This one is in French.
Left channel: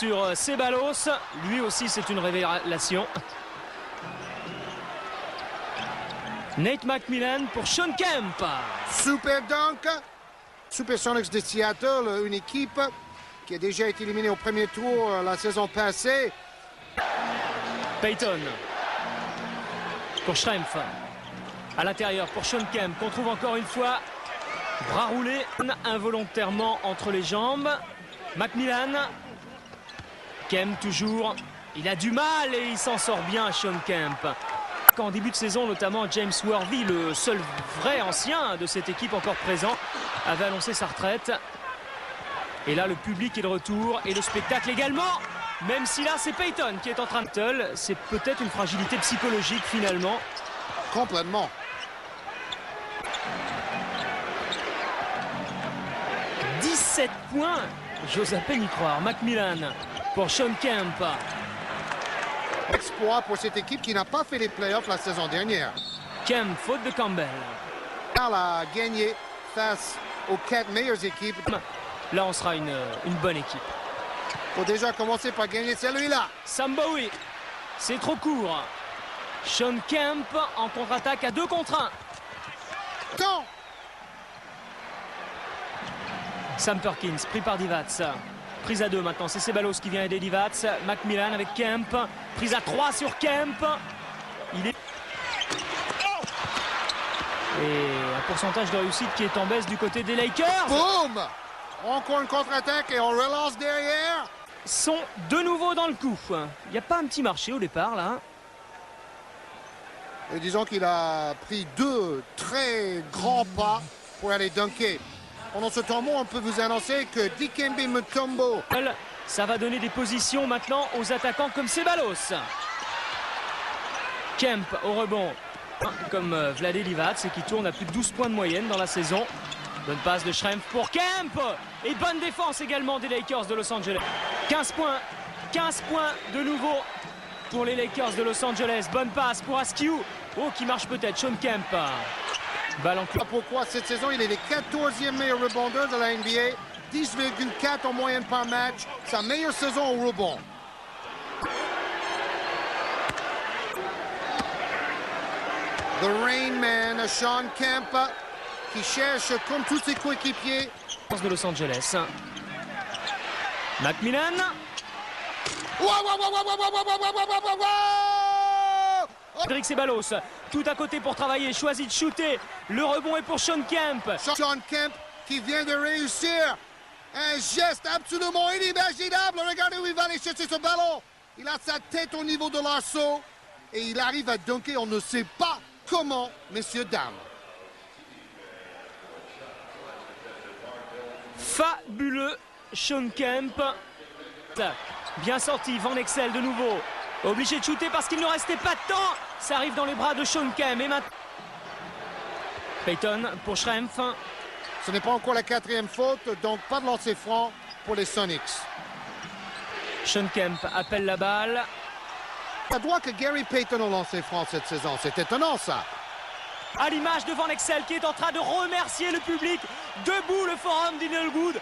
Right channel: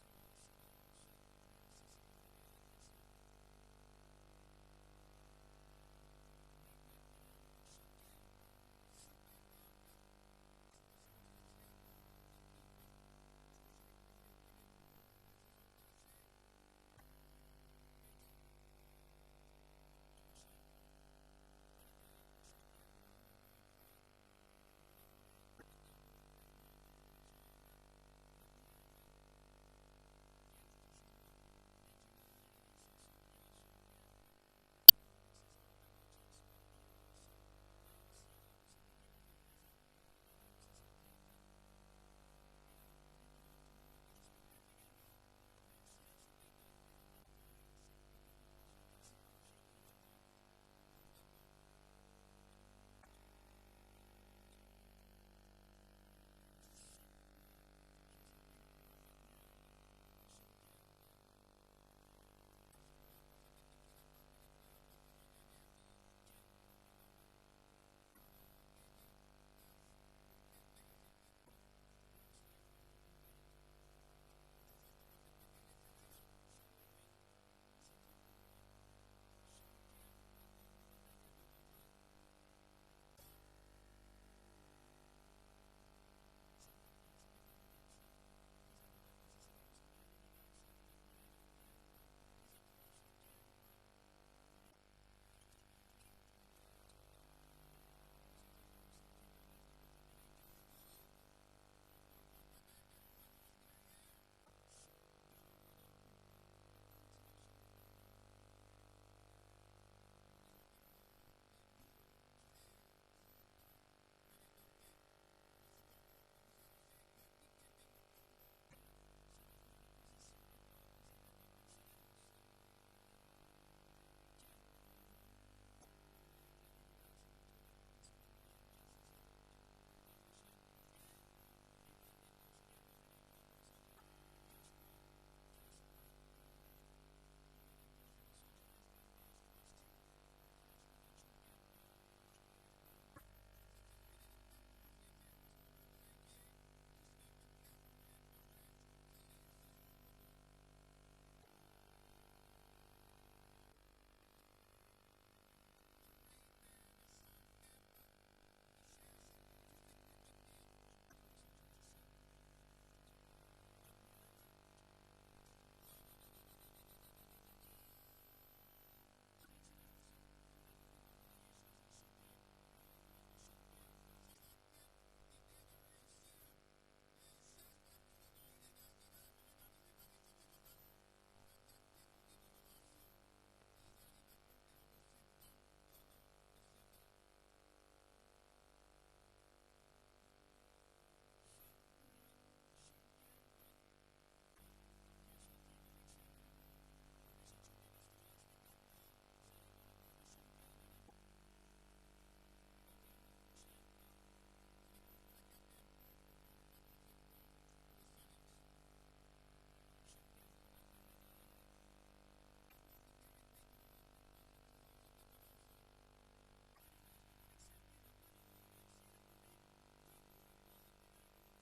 sur Ceballos. Lui aussi, c'est une révélation. Nate McMillan pour Shawn Kemp. Super dunk. Supersonics de Seattle, une équipe qui a déjà été éliminée au premier tour la saison passée. Payton pour Schrempf. À l'intérieur pour Shawn Kemp, qu'on trouve encore une fois bras roulé involontairement entre les jambes. McMillan. Kemp toujours. Il a du mal et il s'en sort bien, Shawn Kemp. En début de saison, notamment James Worthy, le seul vrai ancien de cette équipe encore présent, avait annoncé sa retraite. Et là, le public est de retour et le spectacle également. Même si là, c'est Payton qui est en train de... C'est peut-être une fragilité psychologique finalement. Complètement. « 17 points, j'ose à peine y croire. McMillan pour Shawn Kemp. Exploit pour cette équipe qui n'a pas fait les playoffs la saison dernière. Kemp, faute de Campbell. Elle a gagné face aux 4 meilleures équipes. Là, on sera une bonne équipe. Faut déjà commencer par gagner celui-là. Sam Bowie, c'est trop court. Shawn Kemp en contre-attaque à 2 contre 1. Temps. Sam Perkins, pris par Divac. Prise à 2 maintenant, c'est Ceballos qui vient aider Divac. McMillan avec Kemp. Prise à 3 sur Kemp. Il est... Et un pourcentage de réussite qui est en baisse du côté des Lakers. Boum! Encore une contre-attaque et on relance derrière. Sont de nouveau dans le coup. Il n'y a pas un petit marché au départ là. Et disons qu'il a pris 2 très grands pas pour aller dunker. Pendant ce temps, on peut vous annoncer que Dikembe Mutombo. Ça va donner des positions maintenant aux attaquants comme Ceballos. Kemp au rebond. Comme Vlade Divac et qui tourne à plus de 12 points de moyenne dans la saison. Bonne passe de Schrempf pour Kemp. Et bonne défense également des Lakers de Los Angeles. 15 points. 15 points de nouveau pour les Lakers de Los Angeles. Bonne passe pour Askew. Oh, qui marche peut-être. Shawn Kemp. Balle en clou. Pourquoi cette saison, il est le 14e meilleur rebondeur de la NBA. 10,4 en moyenne par match. Sa meilleure saison au rebond. The Rain Man, Shawn Kemp, qui cherche, comme tous ses coéquipiers, de Los Angeles. McMillan. Cédric Ceballos, tout à côté pour travailler, choisit de shooter. Le rebond est pour Shawn Kemp. Shawn Kemp qui vient de réussir un geste absolument inimaginable. Regardez où il va aller chercher ce ballon. Il a sa tête au niveau de l'arceau et il arrive à dunker. On ne sait pas comment, messieurs, dames. Fabuleux Shawn Kemp. Bien sorti, Van Exel de nouveau. Obligé de shooter parce qu'il ne restait pas de temps. Ça arrive dans les bras de Shawn Kemp. Et maintenant, Payton pour Schrempf. Ce n'est pas encore la 4e faute, donc pas de lancer franc pour les Sonics. Shawn Kemp appelle la balle. Ça doit que Gary Payton a lancé franc cette saison. C'est étonnant, ça. À l'image de Van Exel qui est en train de remercier le public. Debout le forum d'Inglewood